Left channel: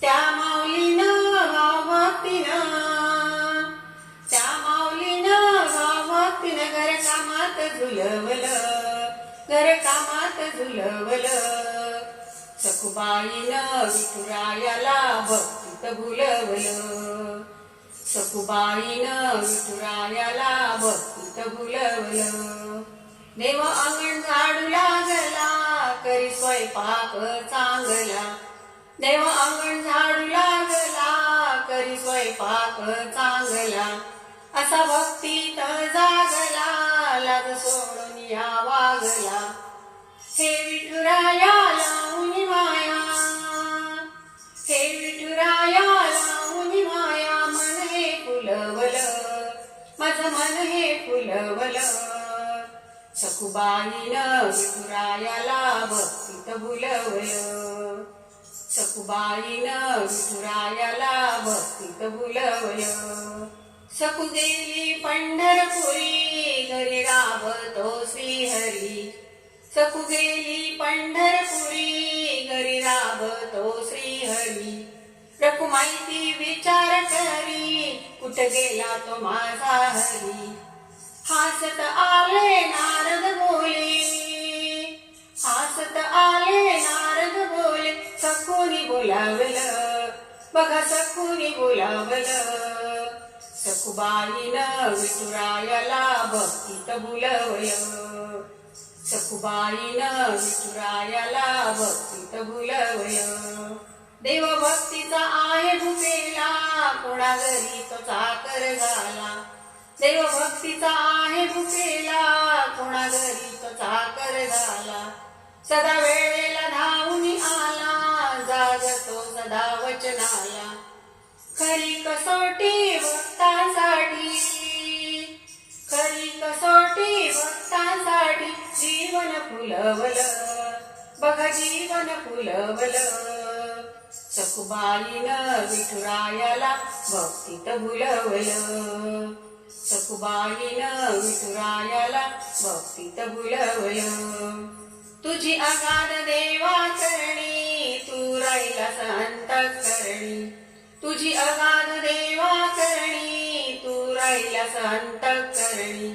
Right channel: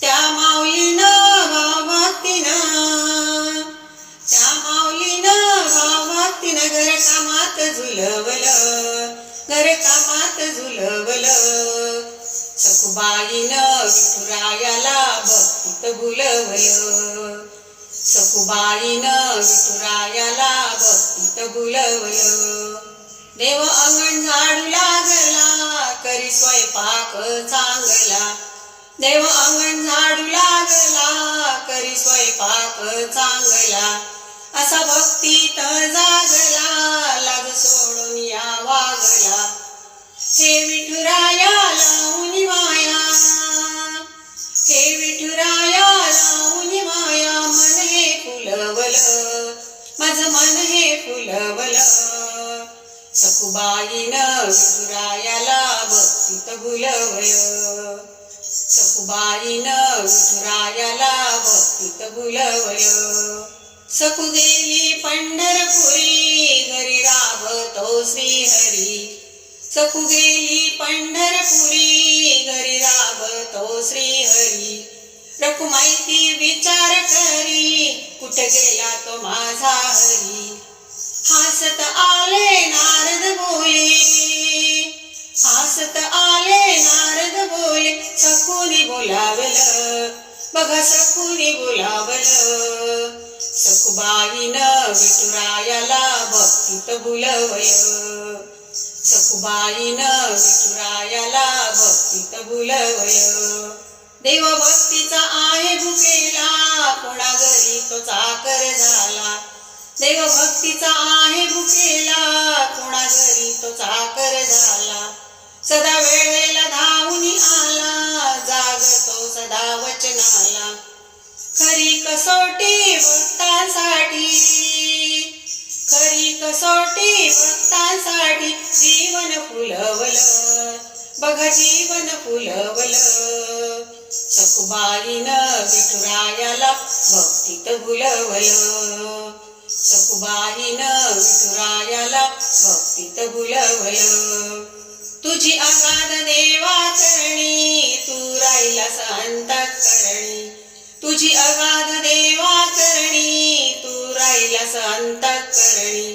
त्या माऊलीनं भावभक्तीनं त्या माऊलीनं भावभक्तीनं घर कामात झुलवलं. घर कामात झुलवलं. सखुबाईनं विठुरायाला भक्तीत भुलवलं. सखुबाईनं विठुरायाला भक्तीत भुलवलं. देव अंगण झाडू लागला करी स्वयंपाक चांगला. देव अंगण झाडू लागला करी स्वयंपाक चांगला. असा भक्तीत जागला लाज सोडून या वागला. हे विठुराया लावून माया हे विठुराया लावून माया मन हे फुलवलं. माझं मन हे फुलवल. सखुबाईनं विठुरायाला भक्तीत भुलवलं. सकुबाईनं विठुरायाला भक्तीत बोलवलं सकुदेली गेली पंढरपुरी घरी राबतो श्रीहरी. सकू गेली पंढरपुरी घरी राबतो श्रीहरी. रखुमाईती विचार करी कुठे गेला तो माझा हरी. हासत आ बघा सखुनी बोलावलं? सखुबाईनं विठुरायाला भक्तीत बुलवलं. सखुबाईनं विठुरायाला भक्तीत बुलवलं. देव भक्तीचा आहे भुकेला कोणा घरी तो चाकर झाला. देव भक्तीचा आहे भुकेला कोणा घरी तो चाकर झाला. सदा वेळेला धावून आला जागतो सदा वचना कसोटी भक्तांसाठी. खरी कसोटी भक्तांसाठी जीवन फुलवलं. बघ जीवन फुलवलं. सखुबाईनं विठुरायाला भक्तीत भुलवलं. सखुबाईनं विठुरायाला भक्तीत भुलवलं. तुझी अगाध देव तुझी अगाध देवा करणी तू राहिलास अंतःकरणी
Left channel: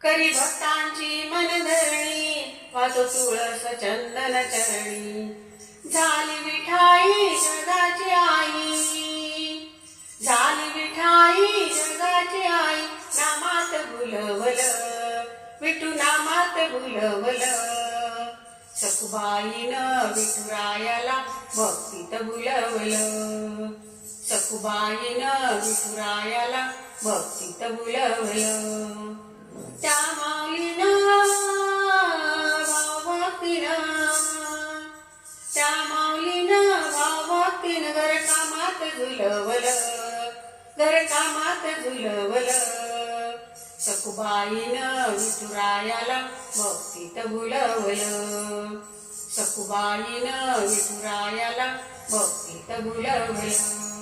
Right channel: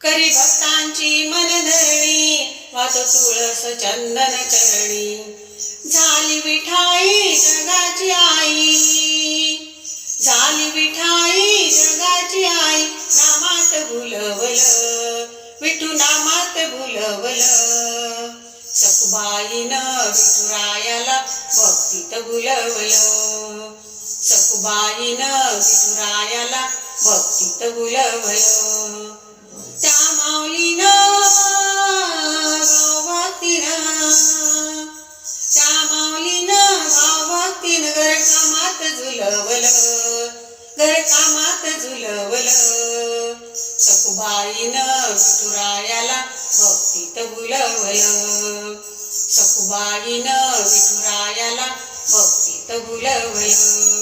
करी भक्तांची मनधरणी वातो तुळस चंदन चरणी. झाली विठाई जगाची आई झाली विठाई जगाची आई नामात भुलवलं विठू नामात भुलवलं. सखुबाईनं विठुरायाला भक्तीत भुलवलं. सखुबाईनं विठुरायाला भक्तीत भुलवलं त्या माऊलीनं भावभक्तीनं त्या माऊलीनं भावभक्तीनं घर कामात झुलवलं. घर कामात झुलवलं. सखुबाईनं विठुरायाला भक्तीत भुलवलं सखुबाईनं विठुरायाला भक्तीत भुलवलं